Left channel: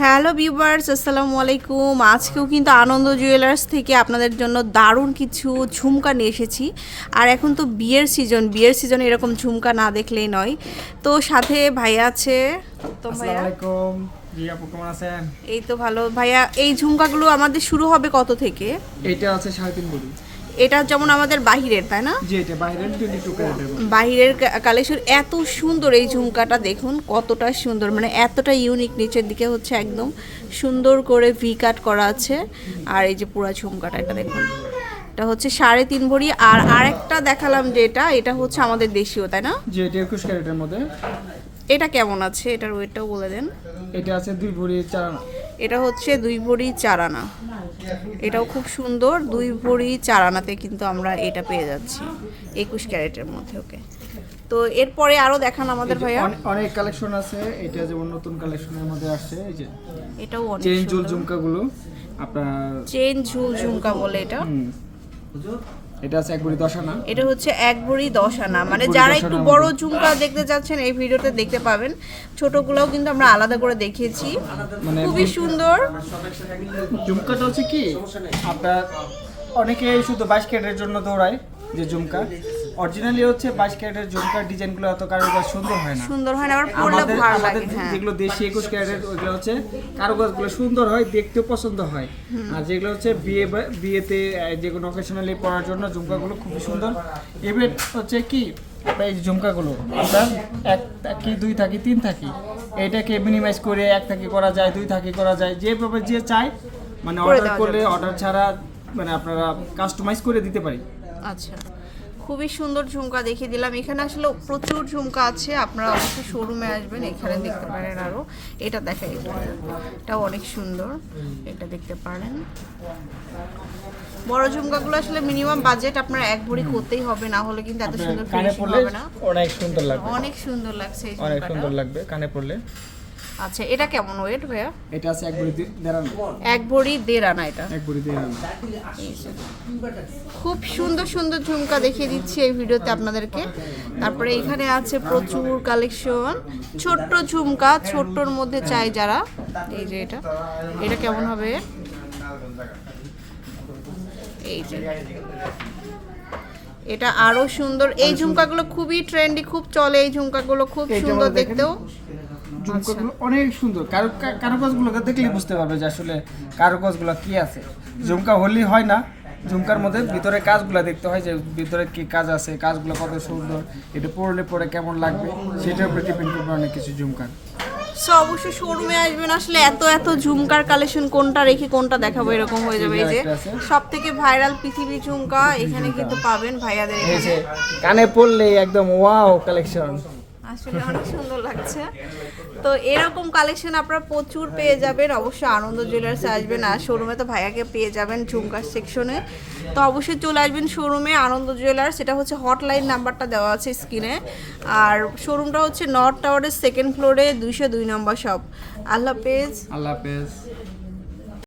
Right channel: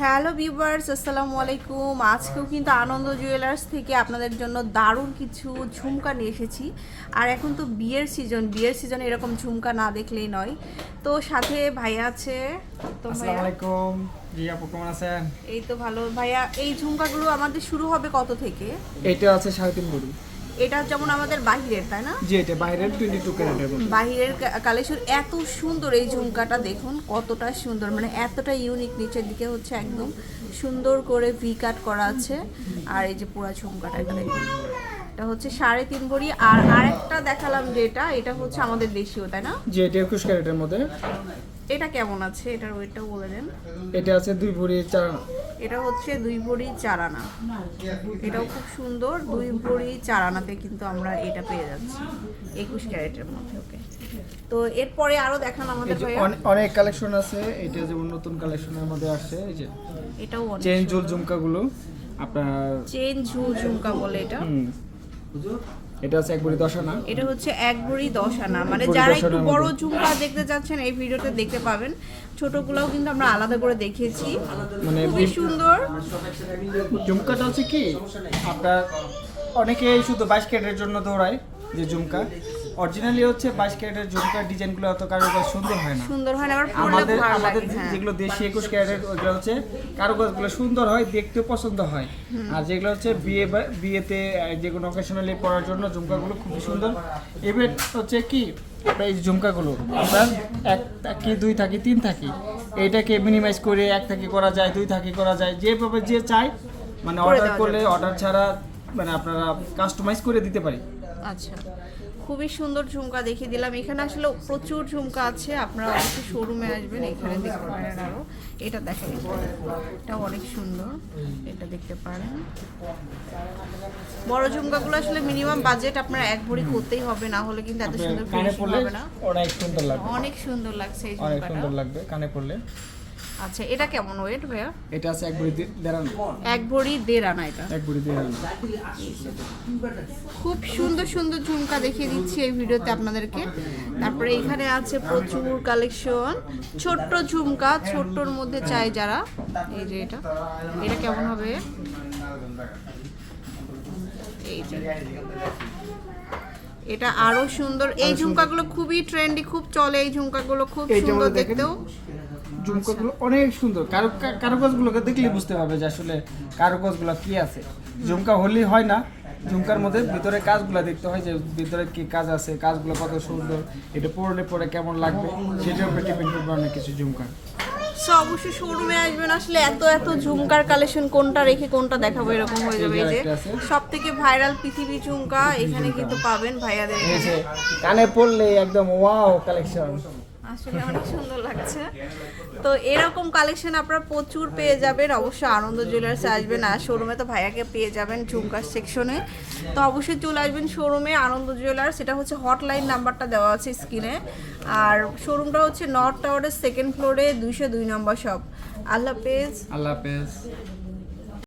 Hello viewers আসসালামু আলাইকুম। আজকেও কিন্তু আনন্দ জুয়েলার্স থেকে আপনাদের জন্য দারুণ কিছু ঝুমকা নিয়ে এসেছি। আর এখন তো বিয়ের সিজন বিয়ের সিজনে এরকম ঝুমকা না দেখলেই নয়। তো সাথে ভাইয়া আছে তো আসসালামু ভাইয়া আলাইকুম। জি আপু কেমন আছেন? এই তো ভালো। ভাইয়া এই ঝুমকাগুলো আমাদের শুরু হবে কত থেকে? এটা আছে সাড়ে তিন ভরি এটা যেমন আমাদের বাহিরের তাই না? জি এটা টোয়েন্টি টু ক্যারেটের মধ্যে বাহিরের কালেকশন এত সুন্দর এই ঝুমকাটা দেখুন কতটা সুন্দর মানে এতটা ইউনিক নিচের দিকে হচ্ছে একদম সুন্দর করে ভি কাট করা আছে। আর এই যে পুরো ঝুমকাটা এটা দেখুন। এটা হচ্ছে সাড়ে তিন ভরি। আর আরেকটা দেখালাম যেটা এটা এটা হচ্ছে আমাদের দেশীয় তাই না? জি এটা একুশ ক্যারেটের মধ্যে। এটা কেমন আছে? এটার ওয়েটটাও বলে দেন। এটা আছে দুই ভরি চার। এটা হচ্ছে দুই ভরি চার আনা এটাও খুব সুন্দর দুই ভরি চার আনাতে কিন্তু আমরা এটা পেয়ে যাচ্ছি একুশ ক্যারেটের মধ্যে ওকে। তো এরপরে আরও দেখান আমাদের ভাইয়া। অনেক কালেকশন আছে এটা যেমন নতুন কালেকশনের মধ্যে আসছে এই যে এটাও অনেক চেন জুল ঝুমকাগুলো আপনার চেন ঝুল ঝুমকা বলে এটা। এটা আছে এক ভরি দশ আনা। এটা হচ্ছে এক ভরি দশ আনা। মানে যারা একটু বড়। ঝুমকা দেখতে যাচ্ছেন এই ভিডিওতে দেখতে পাবেন। ছোটগুলোও কিন্তু আমরা আলাদা করে দেখিয়েছি। মানে খুবই সুন্দর। ঝুমকাটা হচ্ছে কি আপনার অনেকে শুধু বাইশ ক্যারেটের জন্য দৌড়ায় যে ঝুমকা। অরিজিনালি হচ্ছে বাইশ ক্যারেটের ঝুমকার ডিজাইনগুলো এত কারুকাজ সুন্দর হয় না। সুন্দর হয় না আমাদের ভালো আমাদের লাগে হ্যাঁ। যেগুলো দেশি একুশ ক্যারেটের ওইগুলো হচ্ছে কারুকাজগুলো সুন্দর হয় দেখতেও পছন্দ হয়। আর যেগুলো হচ্ছে বিয়ে বিয়েতে যে কোনো অকেশনালি পরার জন্য ঝুমকাগুলো খুবই সুন্দর। এবার হচ্ছে কি এই ঝুমকাগুলো আপনার এক থাকি দুই থাকি তিন থাকি। এইটাকে মিনিমাইজ করে এক থাকি করা যায় দুই থাকি করা যায় যেভাবে যে চায় মানে অর্ডার করলে অর্ডার ছাড়া মানে আপনারা কাস্টমাইজ করে দিতে পারি। আচ্ছা। খুবই সুন্দর ঝুমকা দেখিয়ে দিলাম। এখানে আসলে প্রচুর ঝুমকা আছে আপনারা অবশ্যই শোরুমে আসবেন এখানে দেখতে পারেন আরও। এটা দেখেন এটা এটাও অনেক সুন্দর এটা দেখতে পারেন। বড় ঝুমকাগুলো আসলে মিনিমাম বাজেট আপনার এক ভরি করতেই হবে না হলে কিন্তু এত সুন্দর ফিনিশিং হবে না। অনেক সুন্দর লাগবে। অনেক সুন্দর লাগছে এই অনেক সুন্দর লাগবে কানে পড়লে। আচ্ছা এটা কেমন ওয়েট ভাইয়া? এটা আছে এক ভরি দেড় আনা এক ভরি দেড় আনা এটা? এক ভরি দেড় আনা খুব সুন্দর সুন্দর ঝুমকা দেখিয়ে দিচ্ছি এই ভিডিওতে আপনাদেরকে। তারপরে এখানে আছে প্রচুর কালেকশন ছোট্ট ঝুমকা ছোট্টর মধ্যে চাই যারা। এই যে এটা। এটা কেমন হবে? এই যে। এটা আরও সুন্দর। এই ঝুমকাগুলো খুবই ট্রেন্ডি খুব চলে এই ঝুমকাগুলো খুব সুন্দর দেখতেও। ঝুমকাগুলো অনেক সুন্দর। কারু কারুকাজগুলোকে দেখলেই বুঝতে পারবে যে আসলে কারুকাজগুলো কি আছে। ঝুমকা হয় না। ঝুমকার মধ্যে ভিতরে কাজগুলো দেখতে হয় যে ভিতরে কি কাজ আছে কাজগুলো কত সুন্দর এটা পড়লে পরে কেমন লাগবে সেটার উপরে ডিপেন্ড করবে অনেক কিছু ঝুমকার সো অবশ্যই শোরুমে আসবেন আসলে এত এত ঝুমকার কালেকশন কোনটা রেখে কোনটা দেখাবো এরকম হয়ে যাবে এই যে সব থেকে ভাইরাল পৃথিবী ঝুমকা এখানে কিন্তু পাবেন ভাইয়াদের এখানে। কানে পড়লে একদম ওয়াও কালেকশন আসলে অনেক সুন্দর লাগছে। তো এরকম কালেকশন আপনারা প্রচুর পেয়ে যাবেন। অবশ্যই আনন্দ জুয়েলার্সে আসবেন আর শোরুমে তো ভাইয়াকে পেয়ে যাবেন ঝুমকার সেকশনে তো অবশ্যই চলে আসবেন শোরুমে আনন্দ জুয়েলার্স এটা হচ্ছে হটলাইন নাম্বারটা দেওয়া আছে স্ক্রিনে আর শোরুমটা হচ্ছে নর্থ টাওয়ারের সেকেন্ড ফ্লোরে দুইশো দুই নম্বর শপ আল্লাহ হাফেজ। আল্লাহ হাফেজ।